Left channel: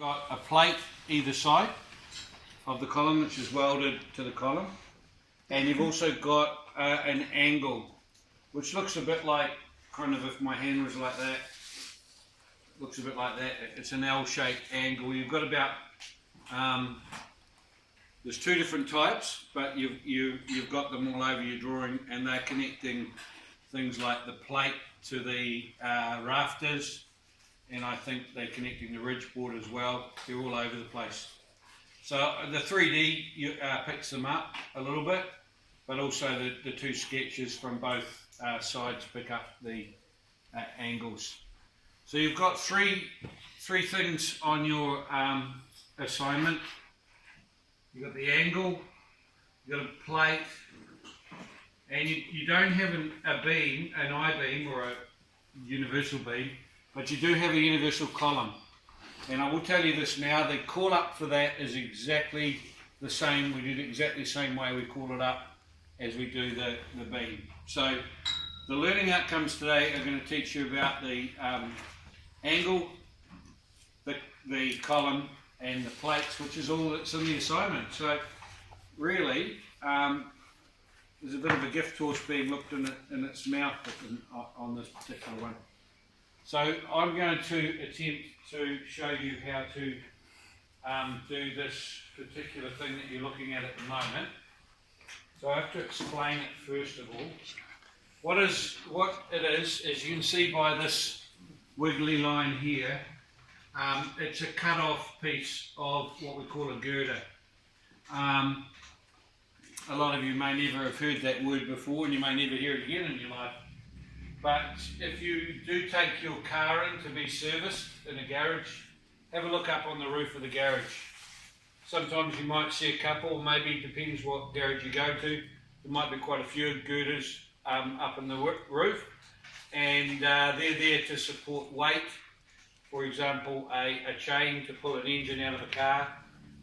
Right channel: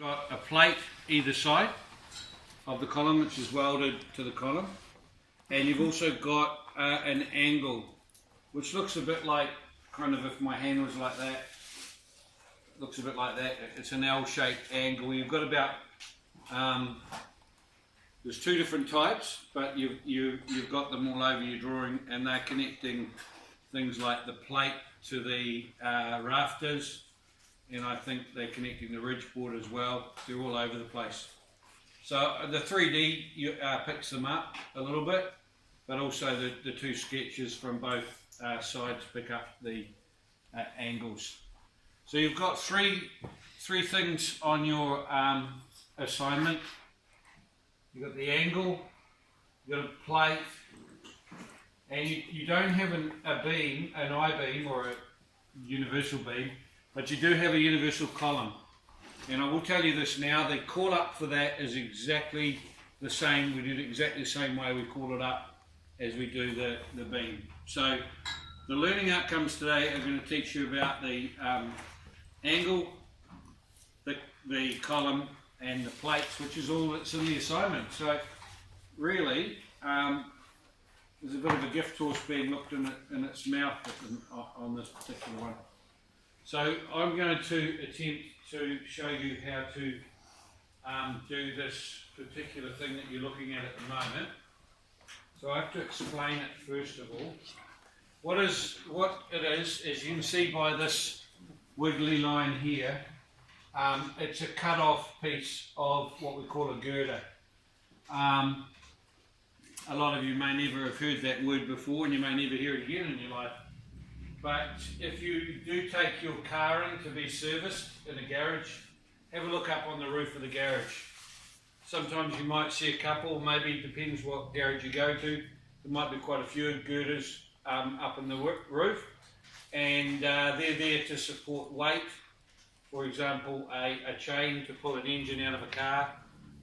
Got a plate either side of the column, which is welded to the column, and you've also got an angle, which looks a bit like, kind of if my hand was like that, it looks a bit like that. It's an L-shaped angle. You've got about there's two different types, but you've got them all over your drawing, and they're connecting things like the plate to the rafters, and I think they're connecting the ridge board as well. They're all over the place. So the 3D picks them up a little bit, but also the two sketches from both sides pick up the angles. So you've got three things on your assignment. You've got the angle, you've got a plate, and you don't have a beam, an I-beam or a universal beam, but you do have a universal column. And I will tell you this now, the call up for that is exactly the same. We do it exactly the same way we call it up as we do the beam. So the learning outcomes today are going to teach you about the angle, the column, and the plates, which is all that's in the assignment. So really, there's a bit of a gift horse being looked in its mouth on this particular one. So I'm going to attempt to show you how to do this particular thing that you're looking at the moment. So I have to explain it first of all. What it is, as you can see by this wiggly line here, it's a cut-off piece of what we call a girder. A lot of you may never have heard that word before, and you may never hear it again in your life. But if you do take your car in to be serviced in a garage, have a look up on the roof of the garage. Sometimes you might see a couple, maybe it depends what garage you go to. There might be quite a few girders up in the roof, and they're there to support weight. For example, a chain to pull an engine out of a car,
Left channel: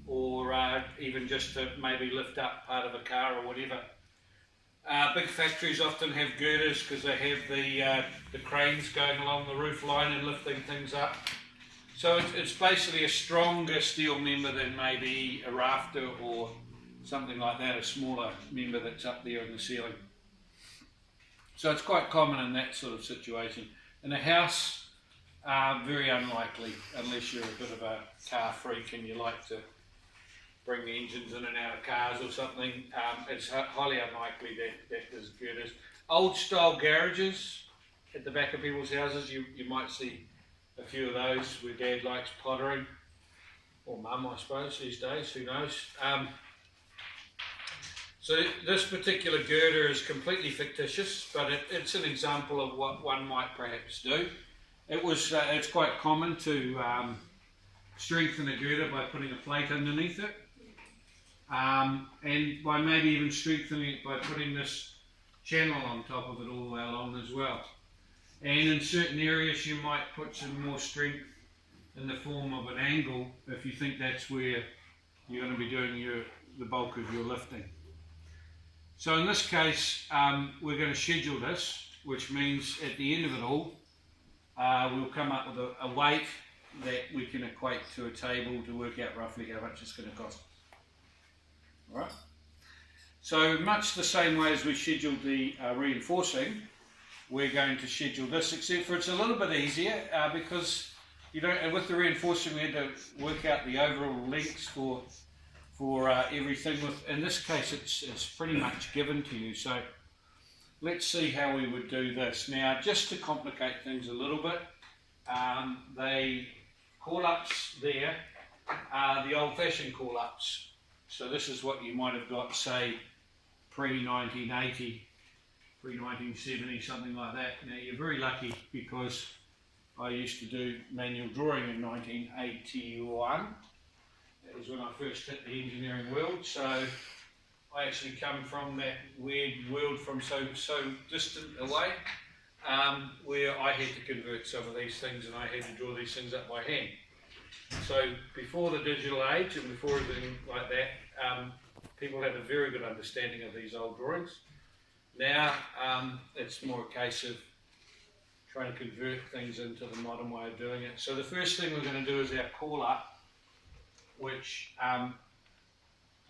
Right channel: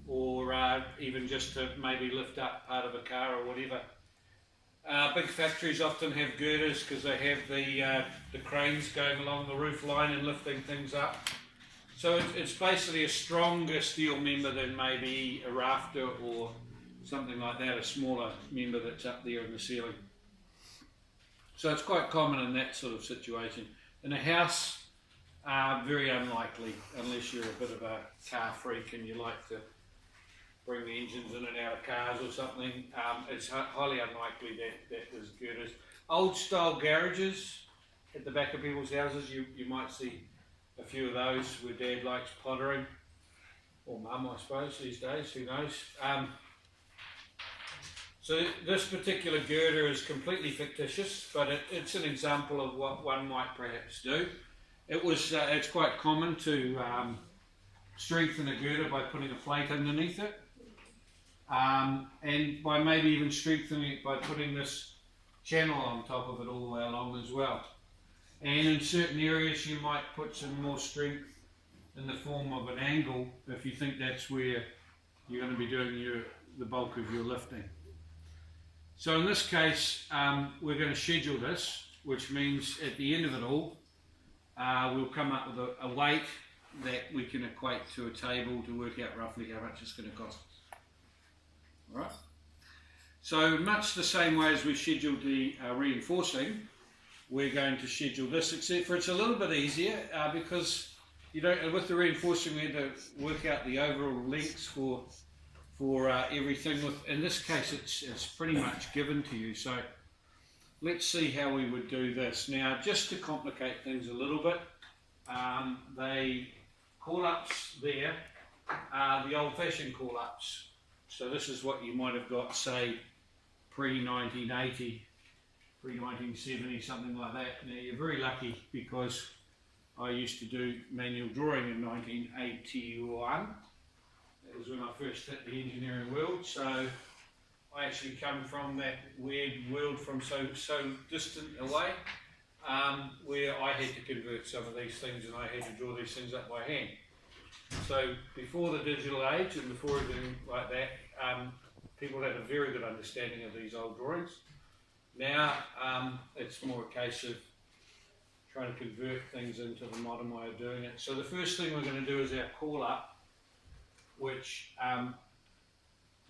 or even just to maybe lift up part of a car or whatever. Big factories often have girders because they have the cranes going along the roof line and lifting things up. So it's basically a stronger steel member than maybe a rafter or something like that, a smaller member that's up there in the ceiling. So it's quite common in that sort of situation. In a house, very unlikely, unless you're a bit of a car freak and you like to bring the engines in and out of cars or something. It's highly unlikely that there's girders. Old style garages at the back of people's houses, you might see a few of those where Dad likes pottering, or Mum I suppose these days, who knows. So this particular girder is completely fictitious, but it's an example of what one might perhaps do. It's quite common to strengthen a girder by putting a plate underneath it, and by maybe even strengthening it by putting this channel on top of it all the way along as well. And in certain areas you might put some more strength in the form of an angle if you think that's where you're going to be doing the bulk of your lifting. So in this case, we're going to schedule this, which means at the end of it all, we'll come up with a weight that we can equate to a table to work out roughly how much it's going to cost. All right. So much the same way as we scheduled the reinforcing, we're going to schedule this, except for it's a little bit easier because you don't. With the reinforcing, we had to work out the overall lengths for everything. In this case, it's pretty much given to you. So let's see how we would do this. Now, just to complicate things a little bit, they call-ups there are the old-fashioned call-ups. So this is what you might have got, say, pre-1980, pre-1970, something like that. Now, you're very lucky because I used to do manual drawing in 1981. That was when I first hit the engineering world. So I actually come from that weird world from so distant away, where I had to convert some of these things and I had to draw these things up by hand. So before the digital age and before everything like that, people had a very good understanding of these old drawings. Now it's more a case of trying to convert things into the modern way of doing it. So the first thing we're going to do is our call up, which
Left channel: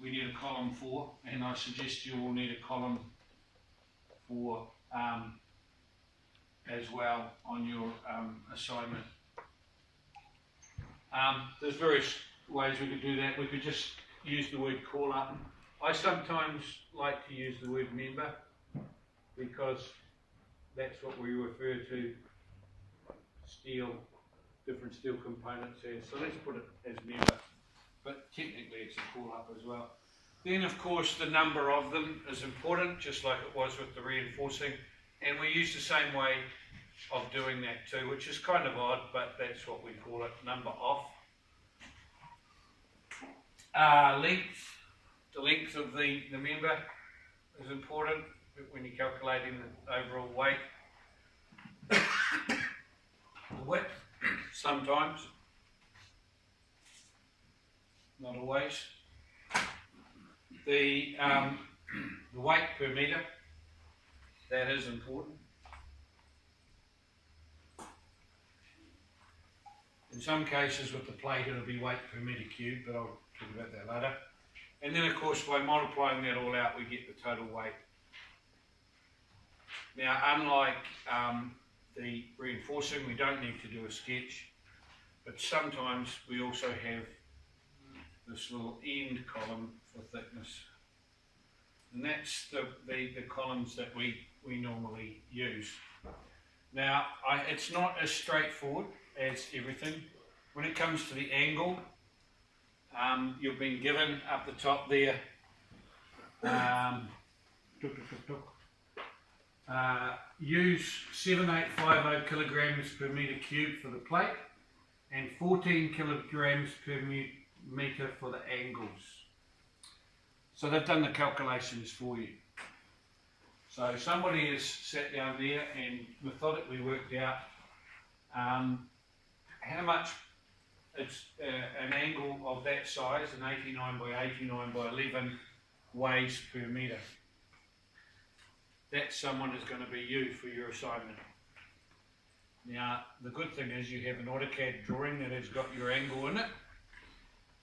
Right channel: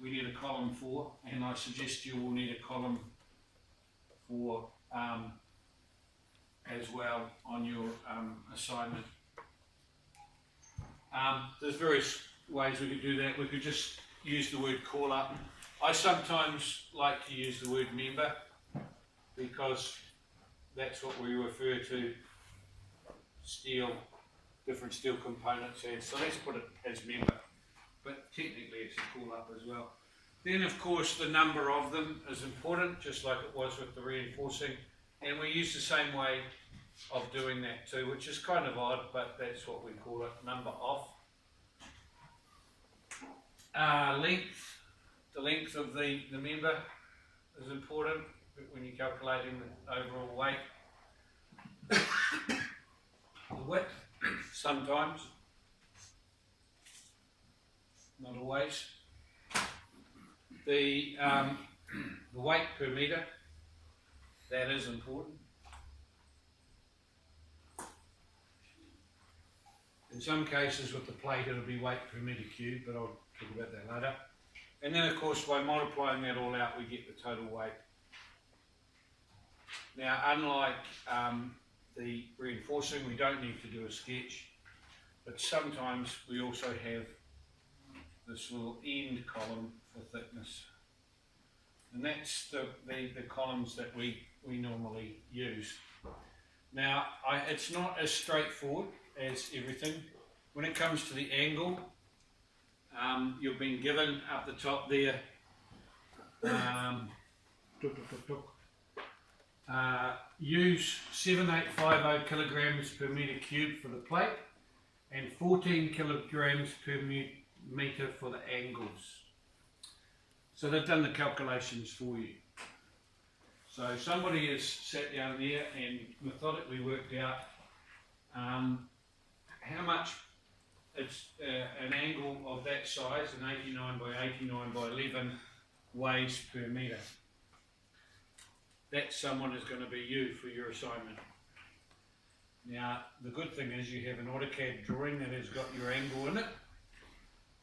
we need a column for, and I suggest you will need a column for as well on your assignment. There's various ways we could do that. We could just use the word call up. I sometimes like to use the word member because that's what we refer to different steel components as. So let's put it as member, but technically it's a call up as well. Then of course the number of them is important, just like it was with the reinforcing, and we use the same way of doing that too, which is kind of odd, but that's what we call it, number of. Length, the length of the member is important when you're calculating the overall weight. The width, sometimes, not always. The weight per metre, that is important. In some cases with the plate it'll be weight per metre cubed, but I'll talk about that later. And then of course by multiplying that all out we get the total weight. Now unlike the reinforcing, we don't need to do a sketch, but sometimes we also have this little end column for thickness, and that's the columns that we normally use. Now it's not as straightforward as everything. When it comes to the angle, you've been given up the top there use 7850 kilograms per metre cubed for the plate and 14 kilograms per metre for the angles. So they've done the calculations for you. So somebody has sat down there and methodically worked out how much it's an angle of that size, an 89 by 89 by 11 weighs per metre. That someone is going to be you for your assignment. Now the good thing is you have an AutoCAD drawing that has got your angle in it.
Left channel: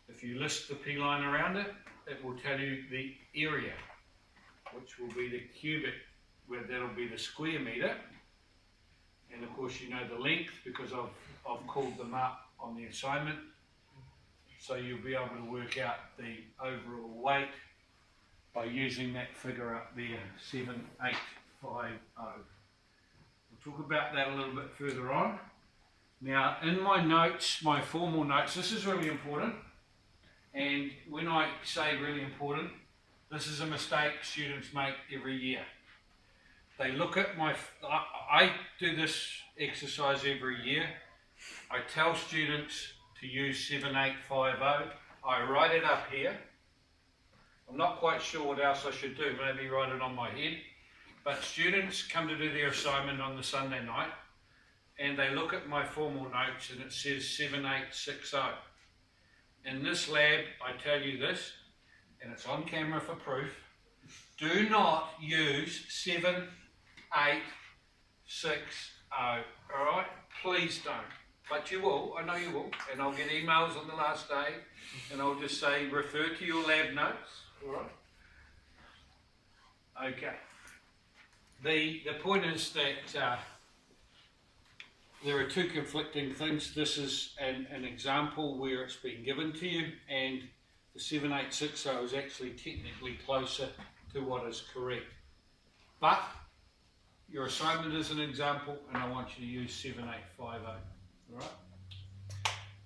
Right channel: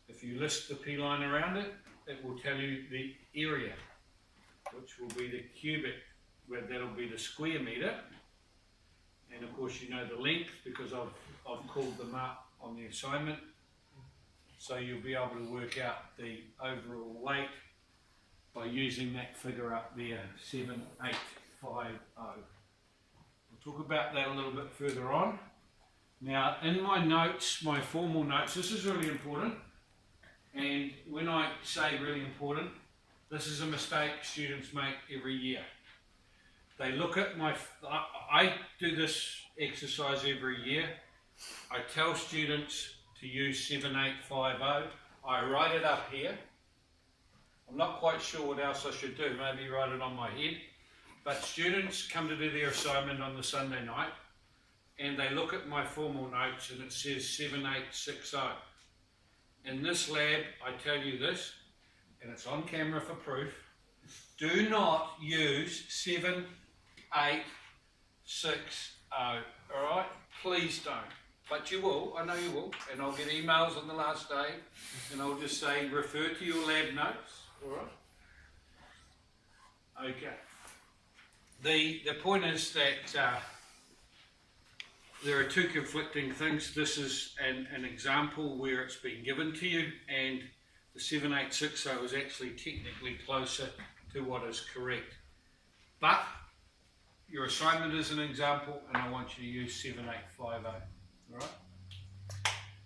If you list the P-line around it, it will tell you the area, which will be the cubic, where that'll be the square metre. And of course you know the length because I've called them up on the assignment. So you'll be able to work out the overall weight by using that figure up there, 7850. We'll talk about that a little bit further on. Now in my notes, my formal notes, this is really important, and when I say really important, this is a mistake students make every year. They look at I do this exercise every year. I tell students to use 7850. I write it up here. I'm not quite sure what else I should do, maybe write it on my head. But students come to do their assignment on the Sunday night and they look at my formal notes and it says 7860. In this lab, I tell you this, and it's on camera for proof, do not use 7860, alright? Please don't. But you will, I know you will, and I'll get emails on the last day and I'll just say refer to your lab notes. Alright. Okay. The point is that there are two conflicting things. This is an example where it's been given to you, and the 7860 is actually technically closer to what is correct. But your assignment is an example, and I want you to use 7850. Alright.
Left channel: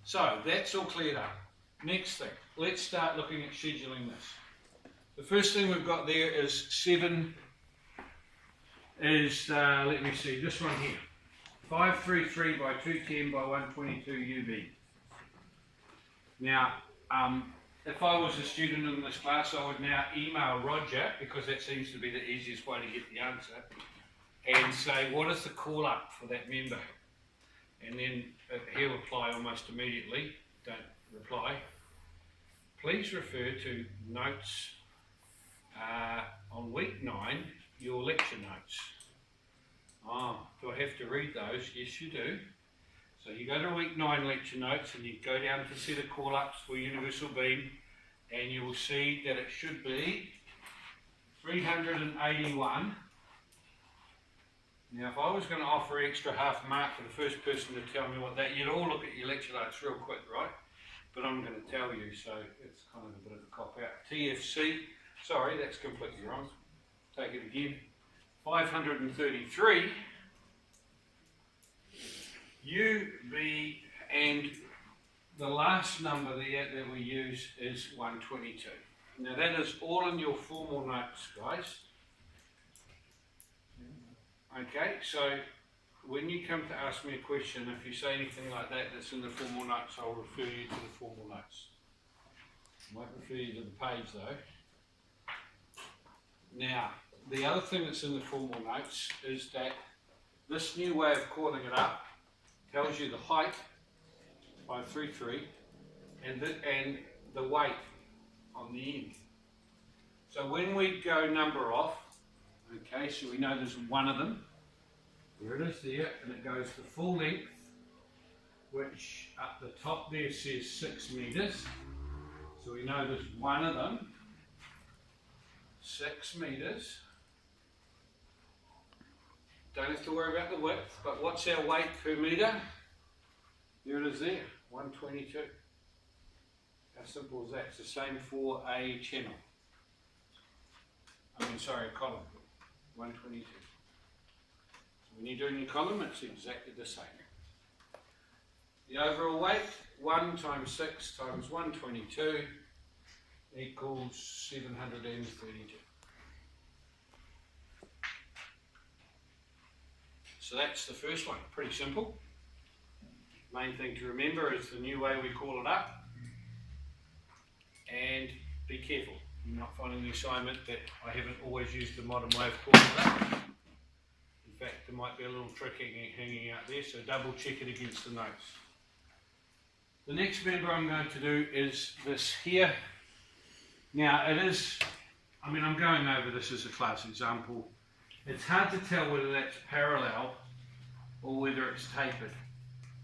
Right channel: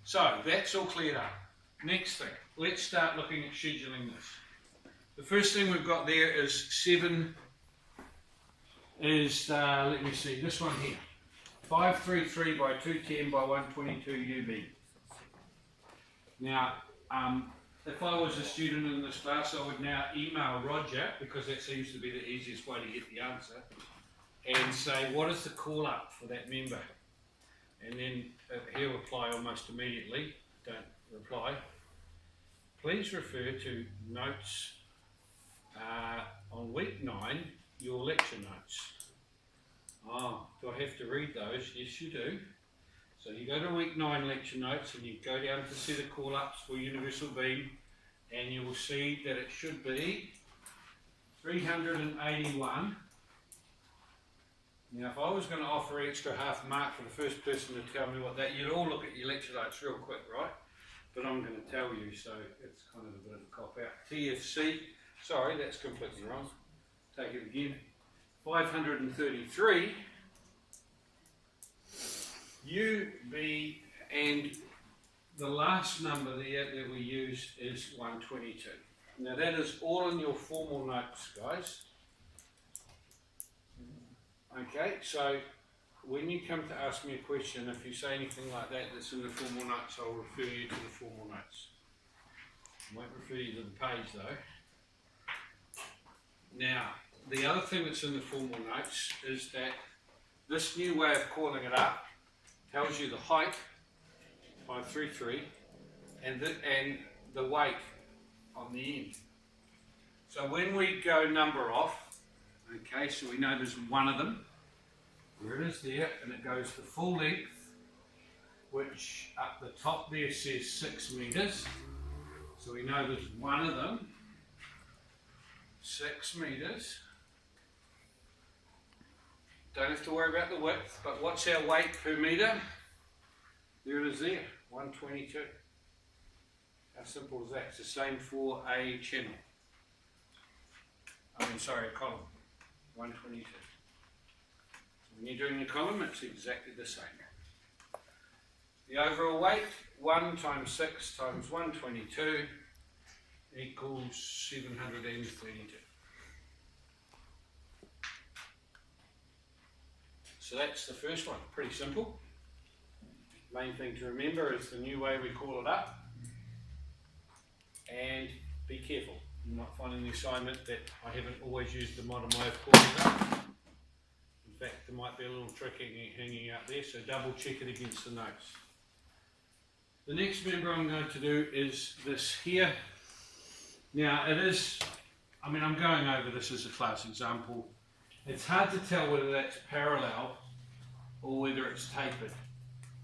So that's all cleared up. Next thing, let's start looking at scheduling this. The first thing we've got there is let me see, this one here. 533 by 210 by 122 UB. Now, if I was a student in this class, I would now email Roger, because that seems to be the easiest way to get the answer, and say, what is the call up for that member? And then he'll reply almost immediately. Don't reply. Please refer to notes on week 9, your lecture notes. Oh, do I have to read those? Yes, you do. So you go to week 9 lecture notes and you go down to see the call-ups for universal beam, and you will see that it should be 381. Now if I was going to offer extra half mark for the first person to tell me what that, you'd all look at your lecture notes real quick, right? But I'm going to tell you, so it's kind of a bit of a cop out. TFC, sorry, that's completely wrong. Take it again. 533. UB, and the last number there that we use is 122. Now that is all in your formal notes, guys. Okay, so when you come to ask me a question, if you say anything like that that's in the formal notes, I'll refer you to the formal notes. I won't refer you to the page though. Now, the other thing that's in the formal notes is that this new way of calling it up tells you the height, 533, and the weight on the end. So when we go number off, okay, so we know there's one of them. There it is there, and it goes the full length, which up the top there says 6 meters. So we know there's one of them, 6 meters. Don't have to worry about the width, but what's our weight per meter? There it is there, 122. How simple is that? It's the same for a channel. A column, 122. So when you're doing your column, it's exactly the same. The overall weight, 1 times 6 times 122 equals 732. So that's the first one, pretty simple. Main thing to remember is the new way we call it up. And be careful, you're not finding the assignment that I haven't always used the modern way of calling it up. In fact, there might be a little trick hanging out there, so double check it against the notes. The next member I'm going to do is this here. Now it is, I'm going over this as a class example. It's hard to tell whether that's parallel or whether it's tapered.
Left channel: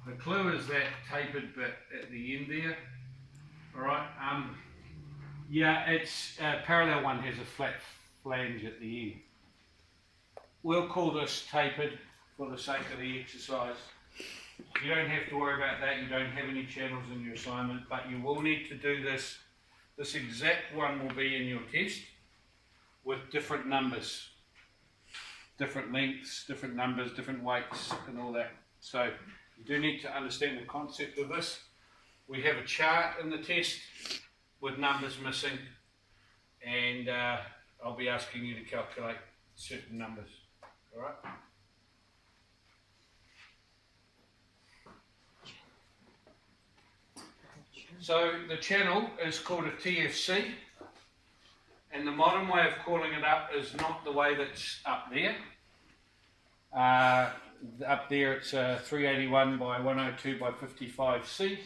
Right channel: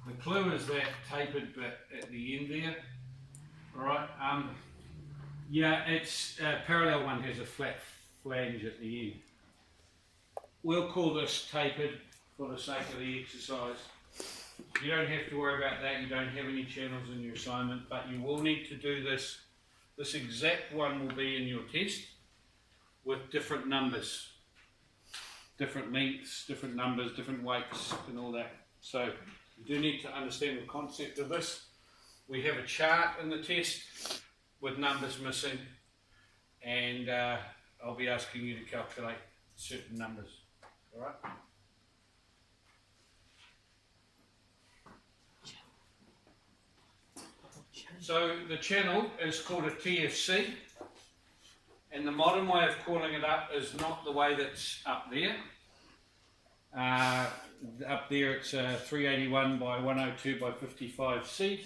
The clue is that tapered bit at the end there. Alright, yeah, it's parallel one has a flat flange at the end. We'll call this tapered for the sake of the exercise. You don't have to worry about that, you don't have any channels in your assignment, but you will need to do this. This exact one will be in your test with different numbers. Different lengths, different numbers, different weights and all that. So you do need to understand the concept of this. We have a chart in the test with numbers missing, and I'll be asking you to calculate certain numbers. Alright? So the channel is called a TFC, and the modern way of calling it up is not the way that's up there. Up there it's 381 by 102 by 55C.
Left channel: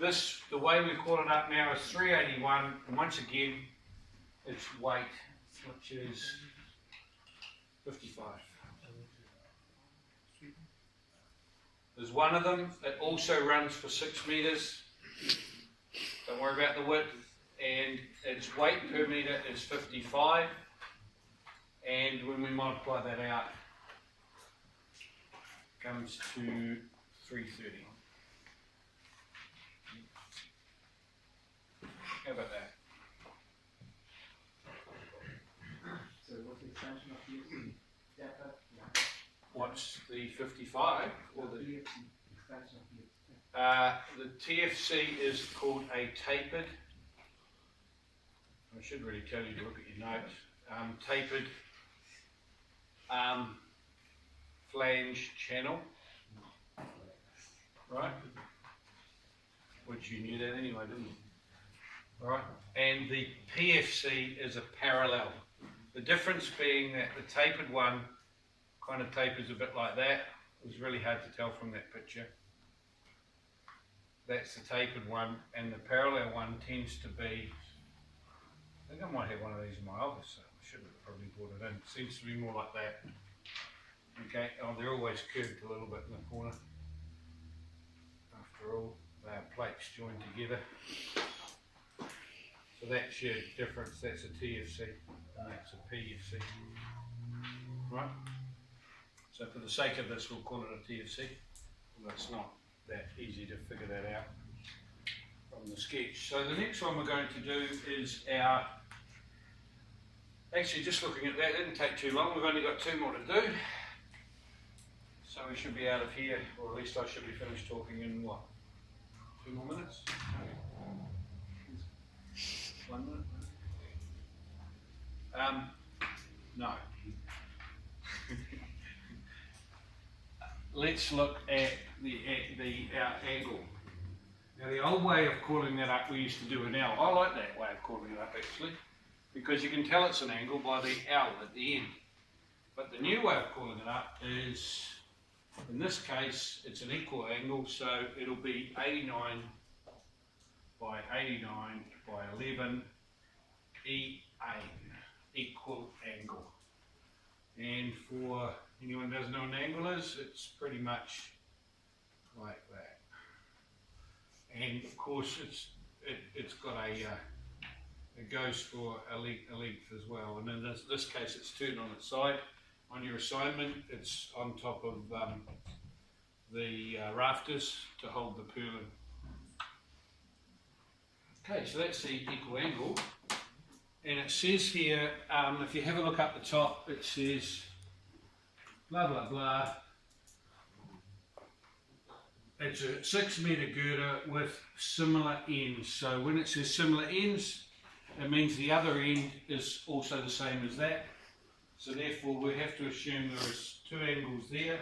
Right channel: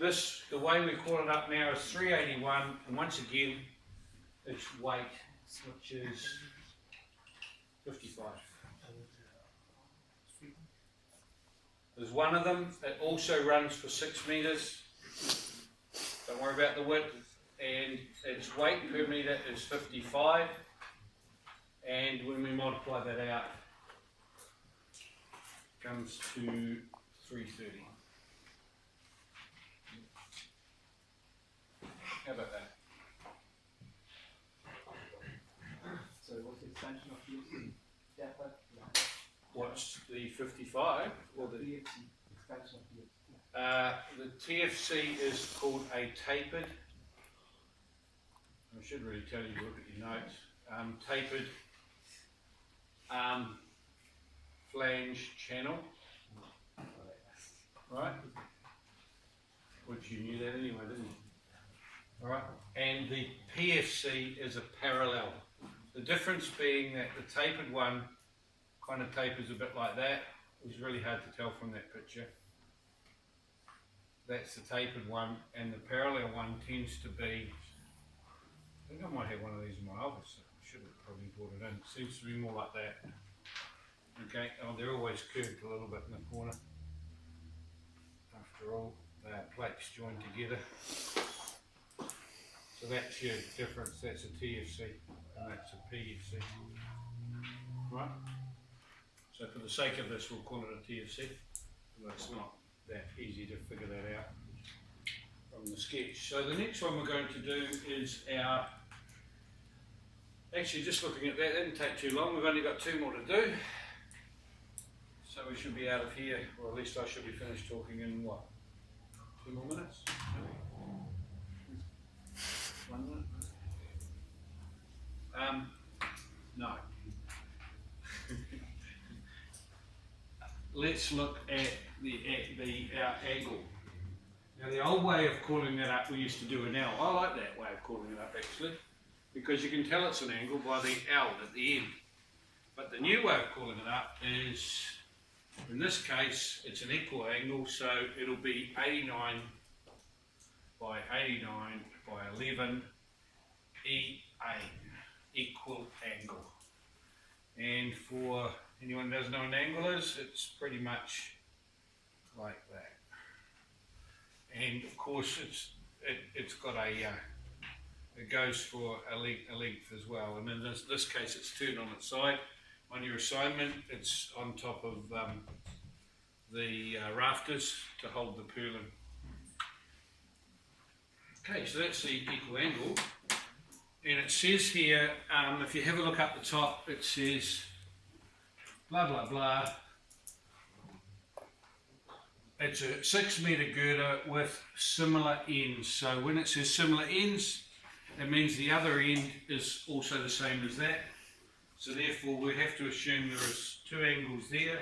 This, the way we call it up now is 381, and once again it's weight, which is 55. There's one of them that also runs for 6 meters. Don't worry about the width, and its weight per meter is 55, and when we multiply that out, it comes to 330. How about that? So what's the extension of the depth? What's the 55? Or the extension of the TFC is called a tapered. I should really tell you to look at your notes. Tapered flange channel, right? Which you knew that anyway, didn't you? All right. And the PFC is a parallel. The difference being that the tapered one kind of tapers a bit like that. It was really hard to tell from that picture. That's the tapered one, and the parallel one tends to be, I think I might have one of these in my office, so I should have probably brought it in. It seems to be more like that. Okay, oh, they're always curved a little bit in the corner. after all, they are plates joined together. So that's your difference, that's a TFC and that's a PFC. Right? So for the sake of this, we'll call it a TFC, although it's not that easy to figure that out from the sketch. So the next one we're going to do is our, actually just looking at that, it didn't take too long, we've only got 2 more to do. So we should be out of here, or at least I should be finished talking in what, 2 more minutes? 1 minute? No. Let's look at our angle. Now the old way of calling that up, we used to do an L. I like that way of calling it up actually, because you can tell it's an angle by the L at the end. But the new way of calling it up is, in this case, it's an equal angle, so it'll be 89 by 89 by 11 E8, equal angle. And for anyone who doesn't know what an angle is, it's pretty much like that. And of course, it's got a it goes for a length as well. And in this case, it's turned on its side. On your assignment, it's on top of the rafters to hold the purlin. Okay, so that's the equal angle. And it says here, if you have a look up the top, it says blah blah blah. It's a 6 metre girder with similar ends. So when it says similar ends, it means the other end is also the same as that. So therefore we have to assume there is 2 angles there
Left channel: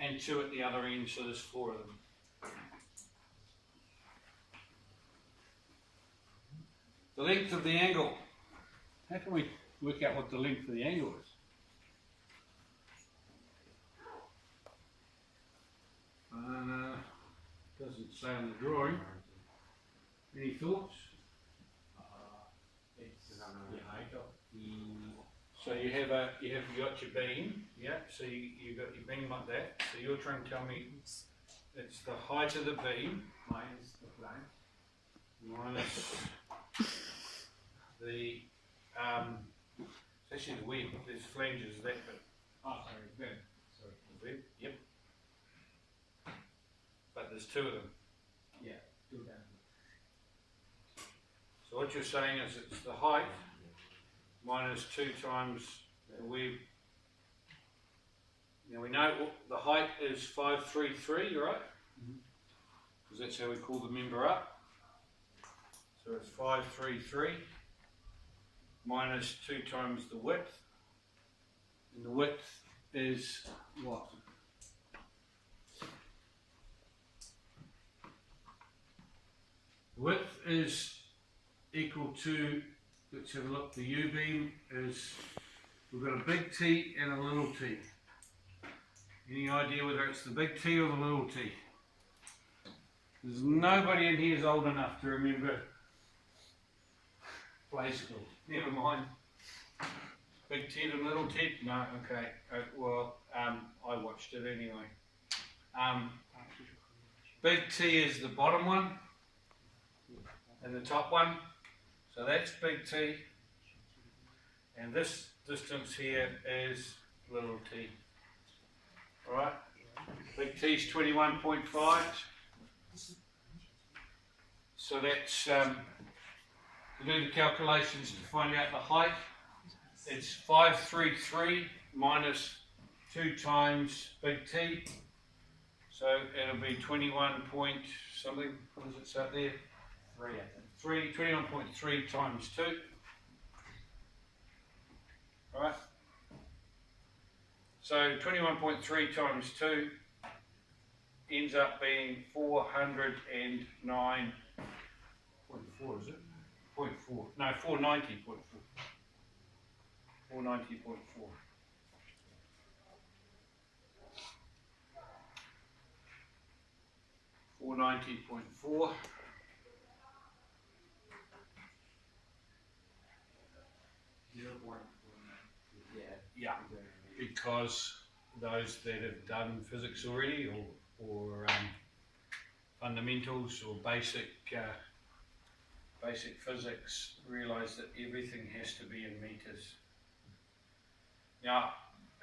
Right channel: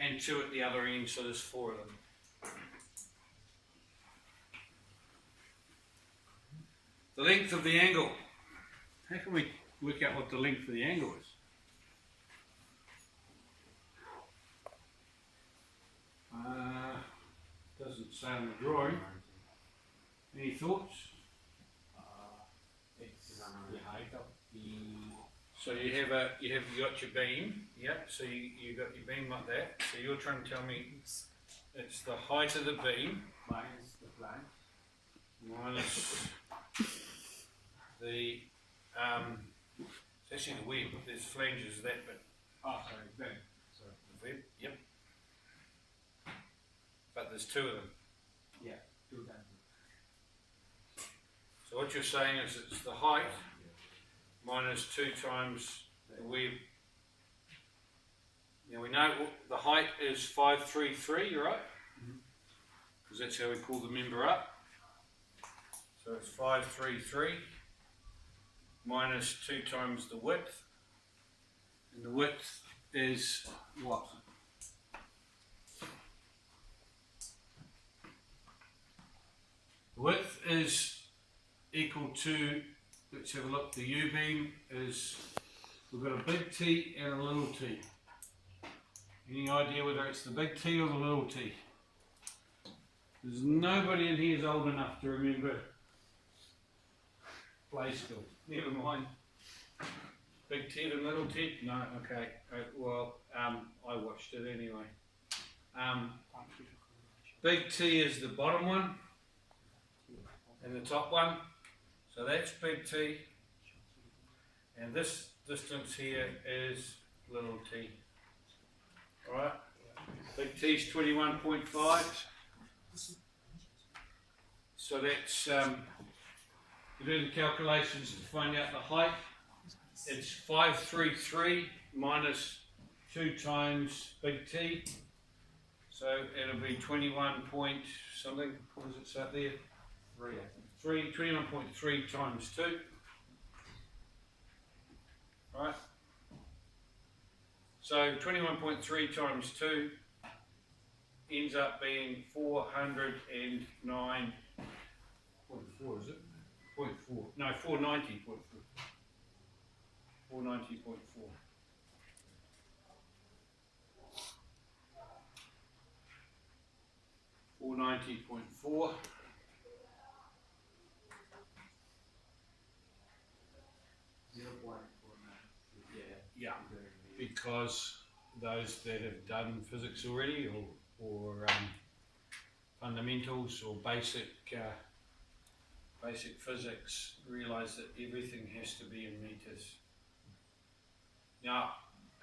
and 2 at the other end, so there's 4 of them. The length of the angle. How can we work out what the length of the angle is? Doesn't say on the drawing. Any thoughts? It's the height of the. So you got your beam, yeah. So you got your beam like that. So you're trying to tell me it's the height of the beam Minus the flank. minus the it's actually the web. There's flanges that bit. Oh, sorry, then. So, The web, yep. But there's 2 of them. yeah, 2 times. So what you're saying is it's the height minus 2 times the web. Now we know the height is 533, right? Because that's how we call the member up. So it's 533 minus 2 times the width. And the width is what? The width is equal to, let's have a look, the U-beam is, we've got a big T and a little t. Any idea whether it's the big T or the little t? There's nobody in here is old enough to remember play school. Never mind. Big T and little t? No, okay. I watched it anyway. Big T is the bottom one and the top one. So that's big T. And this distance here is little t. Alright? Big T is 21.5. So that's to do the calculations to find out the height. It's 533 minus 2 times big T. So it'll be 21 point something. What does it say there? 3, I think. 21.3 times 2. Right? So 21.3 times 2 ends up being 409.4, is it? 0.4. No, 490.4. 490.4. $490.4. Yeah, because those that have done physics already or fundamentals or basic physics, realise that everything has to be in metres. Now,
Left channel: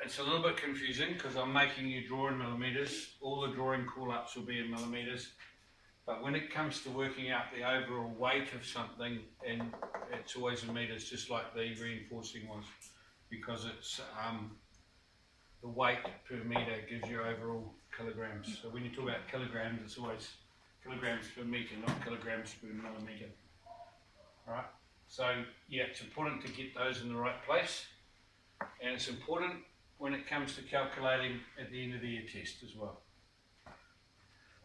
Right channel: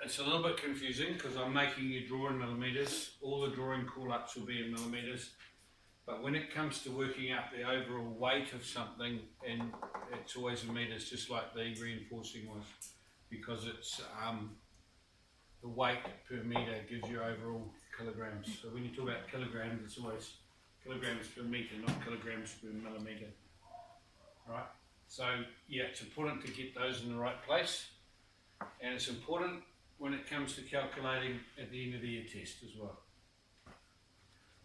it's a little bit confusing because I'm making you draw in millimetres. All the drawing call-ups will be in millimetres. But when it comes to working out the overall weight of something, and it's always in metres, just like the reinforcing was, because it's the weight per metre gives you overall kilograms. So when you talk about kilograms, it's always kilograms per metre, not kilograms per millimetre. Right? So yeah, it's important to get those in the right place, and it's important when it comes to calculating at the end of the year test as well.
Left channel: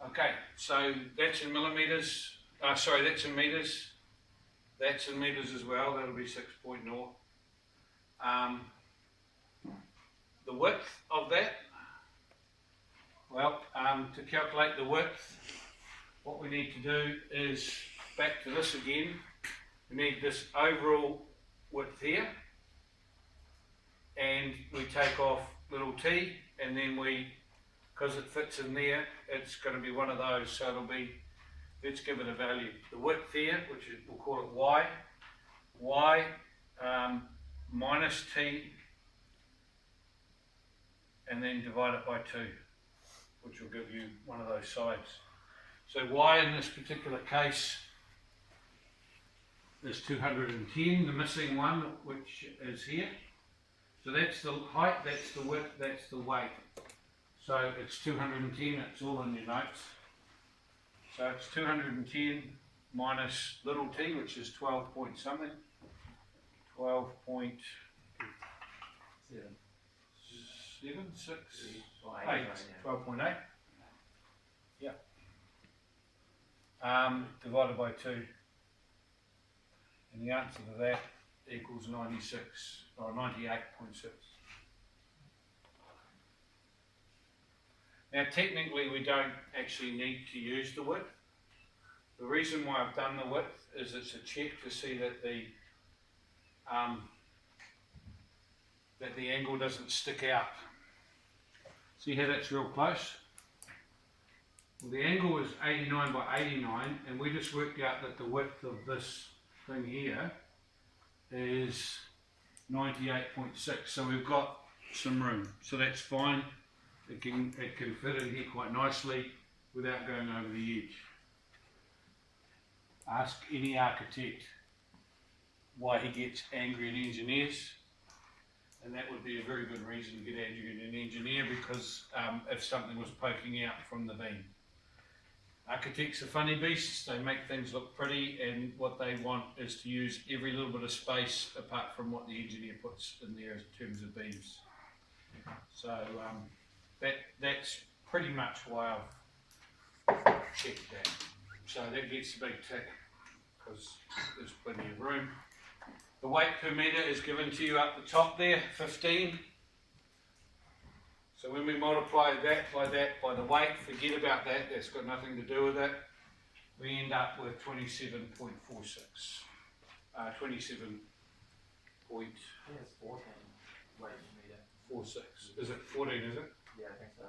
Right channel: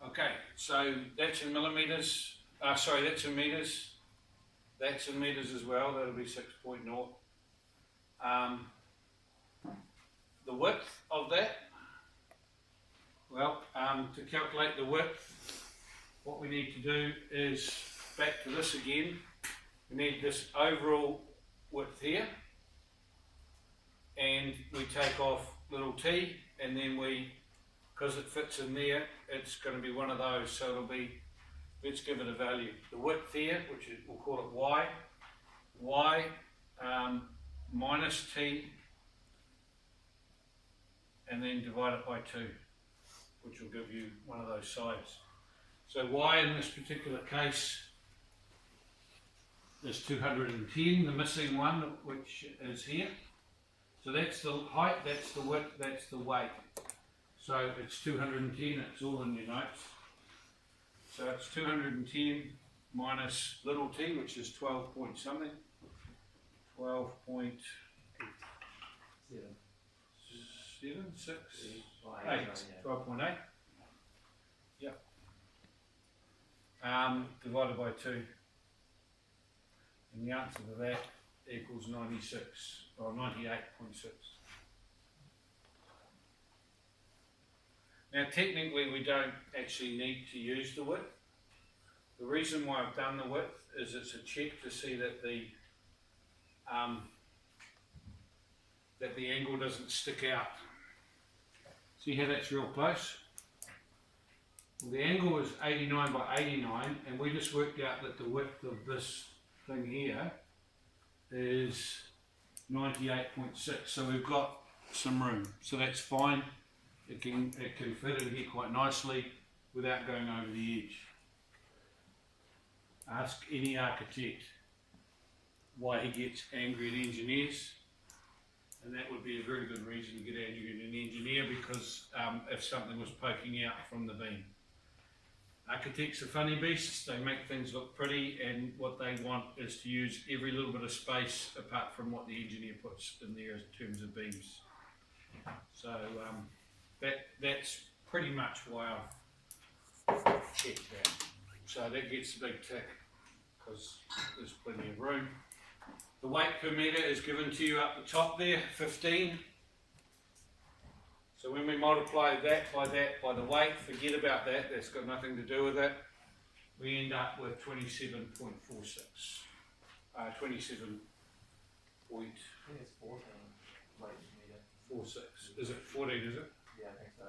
Okay, so that's in millimetres, that's in metres, that's in metres as well, that'll be 6.0. The width of that, well, to calculate the width, what we need to do is, back to this again, we need this overall width here, and we take off little t, and then because it fits in there, it's going to be one of those, so it'll be, let's give it a value. The width here, which is, we'll call it y minus t, and then divide it by 2, which will give you one of those sides. So y in this particular case is 210, the missing one, which is here. So that's the height, that's the width, that's the weight. So it's 210, it's all in your notes. So it's 210 minus little t, which is 12 point something. 12.7, 6, 8, 12.8. Yeah. Divided by 2. And the answer to that equals 96, or 98.6. Now technically we don't actually need to use the width. The reason why I've done the width is it's a check to see that the angle doesn't stick out. See how that's real close? Well, the angle is 89 by 89, and we just worked out that the width of this thing here is 98.6, so we've got some room, so that's fine. It can fit in here quite nicely without going over the edge. Ask any architect why he gets angry at engineers, and that would be a very good reason to get angry at an engineer, because if something was poking out from the beam. Architects are funny beasts, they make things look pretty, and what they want is to use every little bit of space apart from what the engineer puts in there in terms of beams. So that's pretty much why I've checked that. So that gets a big tick, because there's plenty of room. The weight per metre is given to you up the top there, 15. So when we multiply that by the weight, forget about that, that's got nothing to do with it. We end up with 27.46. 27 point. I think it's 14 weight per metre. 46. Is it 14, is it? Yeah, I think so. I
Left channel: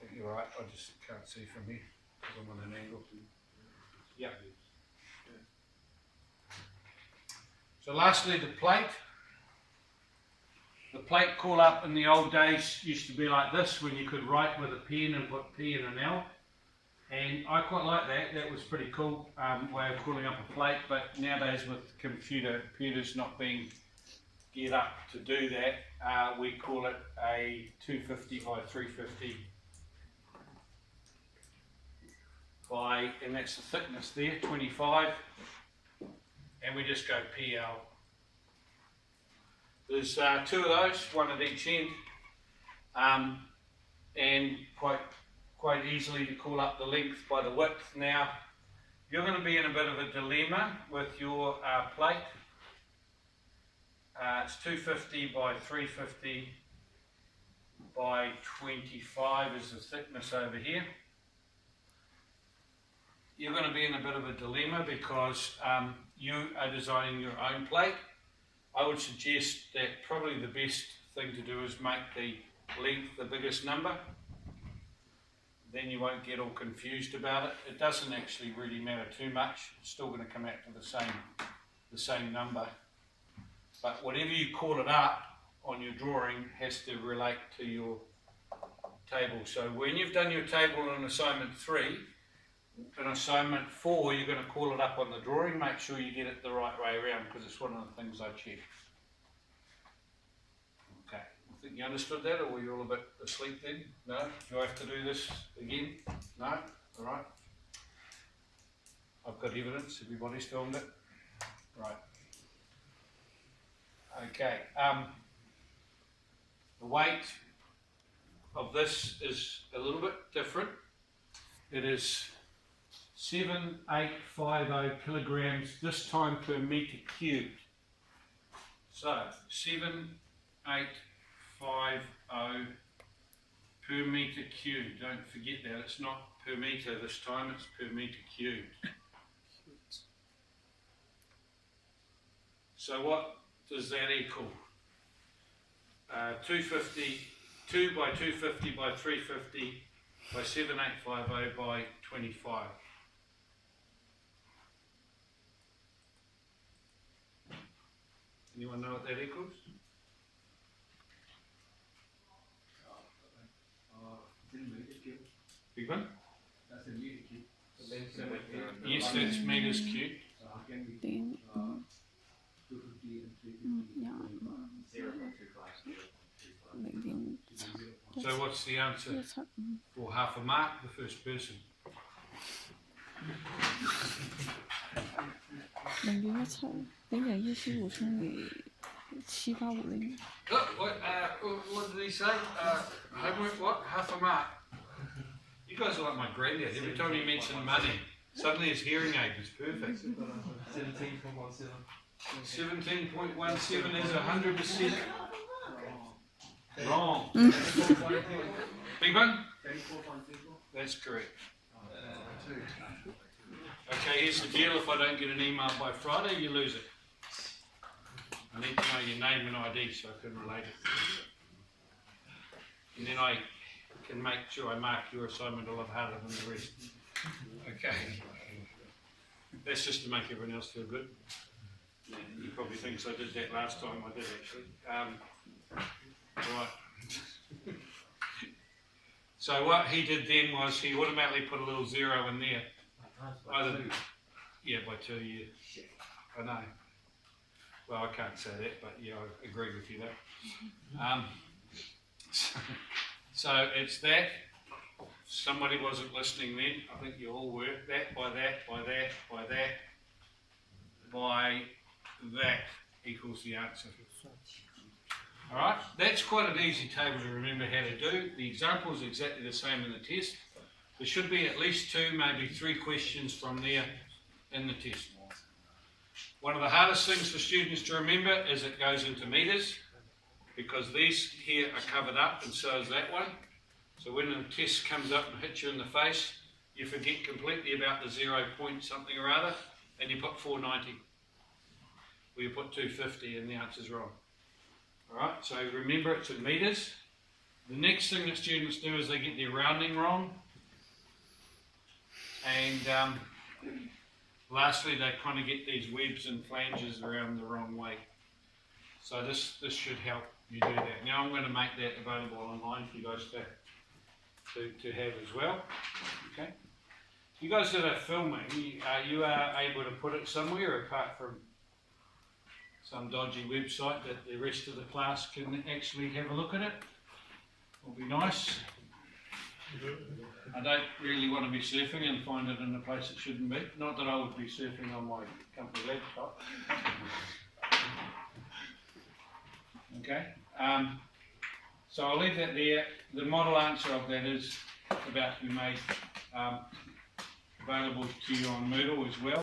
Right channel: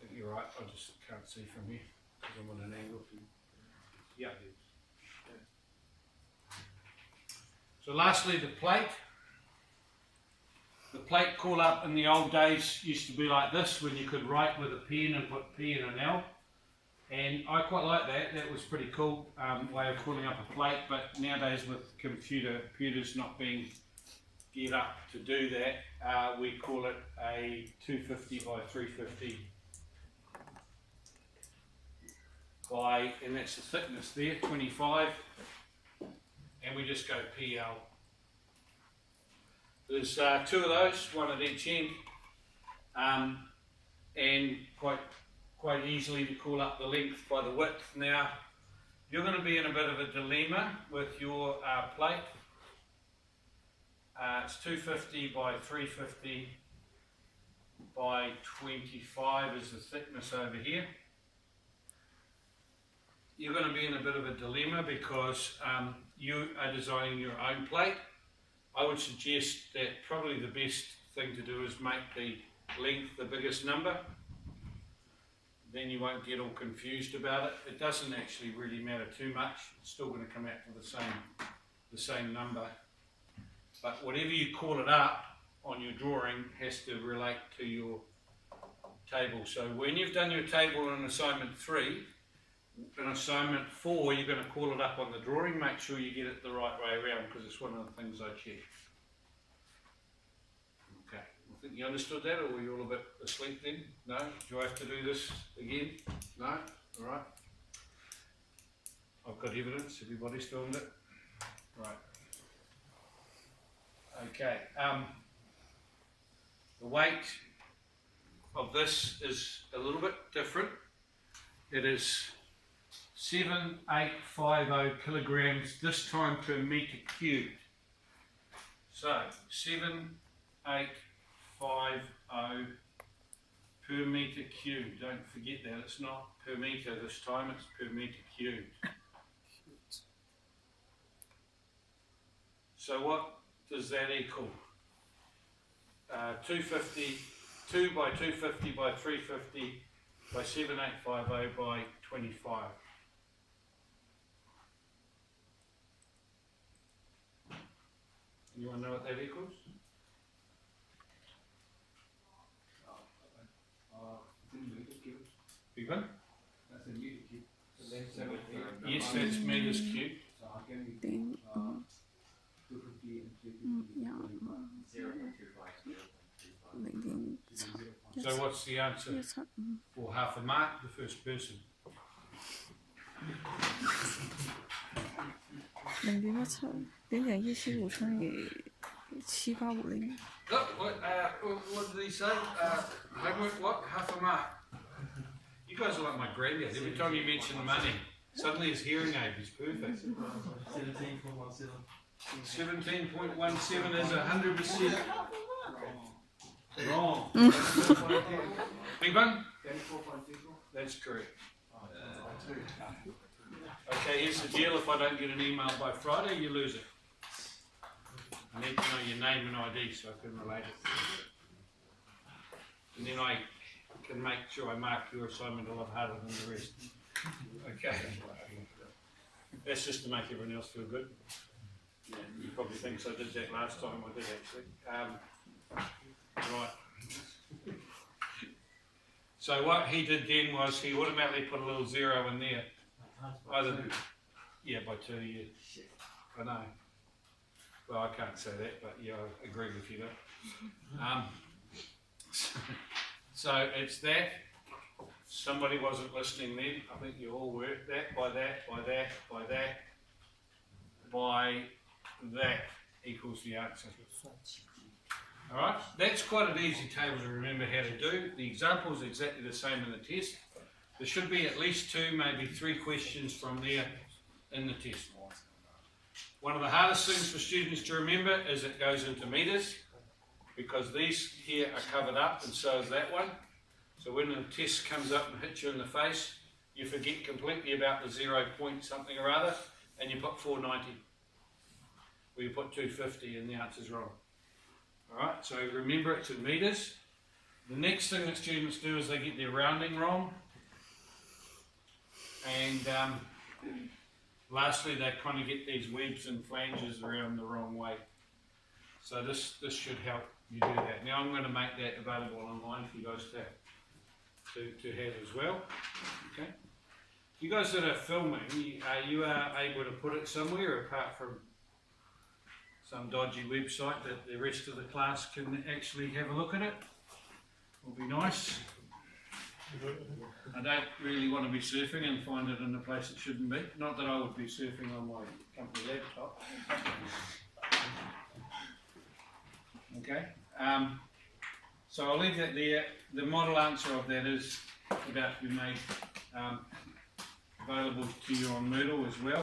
think you're right, I just can't see from here because I'm on an angle. Yeah. So lastly, the plate. The plate call up in the old days used to be like this, when you could write with a pen and put P and an L. And I quite like that, that was pretty cool way of calling up a plate, but nowadays with computers not being geared up to do that, we call it a 250 by 350 by, and that's the thickness there, 25, and we just go PL. There's two of those, one at each end, and quite easily to call up the length by the width. Now, you're going to be in a bit of a dilemma with your plate. It's 250 by 350 by 25 is the thickness over here. You're going to be in a bit of a dilemma because you are designing your own plate. I would suggest that probably the best thing to do is make the length the biggest number. then you won't get all confused about it. It doesn't actually really matter too much. It's still going to come out to the same number. But whatever you call it up on your drawing has to relate to your table. So when you've done your table on assignment 3, in assignment 4 you're going to call it up on the drawing. Make sure you get it the right way around, because it's one of the things I check. Okay, I think you understood that, or were you all a bit asleep then? No? Do I have to do this again? No? Alright. I've got evidence, everybody's filmed it. Right. Okay, the weight of this is a little bit different. It is 7850 kilograms, this time per metre cubed. So 7850 per metre cubed. Don't forget that, it's not per metre this time, it's per metre cubed. So what does that equal? 250, 2 by 250 by 350 by 7850 by 25. Anyone know what that equals? Big one? That's a meter cube. So then Yes, that's metres cubed. So how can we Then, 250 and 350? yeah, 0.25. So what's the answer Yes, for half a mark? The first person. 0.175乘以7850。 What did he say? Homework what? Half a mark. You guys are like my granddad. Every time you mention money, suddenly his hearing aid is perfect. 17.17. 17.17 is 100% wrong. Big one? That's correct. Okay, here's the deal. If I don't get an email by Friday, you lose it. I need to know your name and ID so I can relate it. And then I can make sure I mark your assignment a lot harder than the rest. Okay. That's just to make everyone else feel good. Yeah, you probably think I did that last time. I did actually. Right. So what he did then was he automatically put a little 0 in there. Either, yeah, by 2 years. I know. Well, I can't say that, but yeah, I agree with you though. So it's that. Somebody wasn't listening then. I think you all were. That by that by that by that by that equals the answer. Alright, that's quite an easy table to remember how to do. The example is exactly the same in the test. There should be at least 2, maybe 3 questions from there in the test. One of the hardest things for students to remember is it goes into metres, because these here are covered up and so is that one. So when the test comes up and hits you in the face, you forget completely about the 0 point something or other and you put 490. Or you put 250 and the answer's wrong. Alright, so remember it's in metres. The next thing that students do is they get their rounding wrong. And lastly, they kind of get these webs and flanges around the wrong way. So this should help you do that. Now I'm going to make that available online for you guys to have as well. Okay. You guys that are filming, you are able to put it somewhere apart from some dodgy website that the rest of the class can actually have a look at it. Will be nice. I don't really want to be surfing and find it in a place it shouldn't be. Not that I would be surfing on my company laptop. Okay. So I'll leave that there. The model answer of that is about to be made available to you on Moodle as well.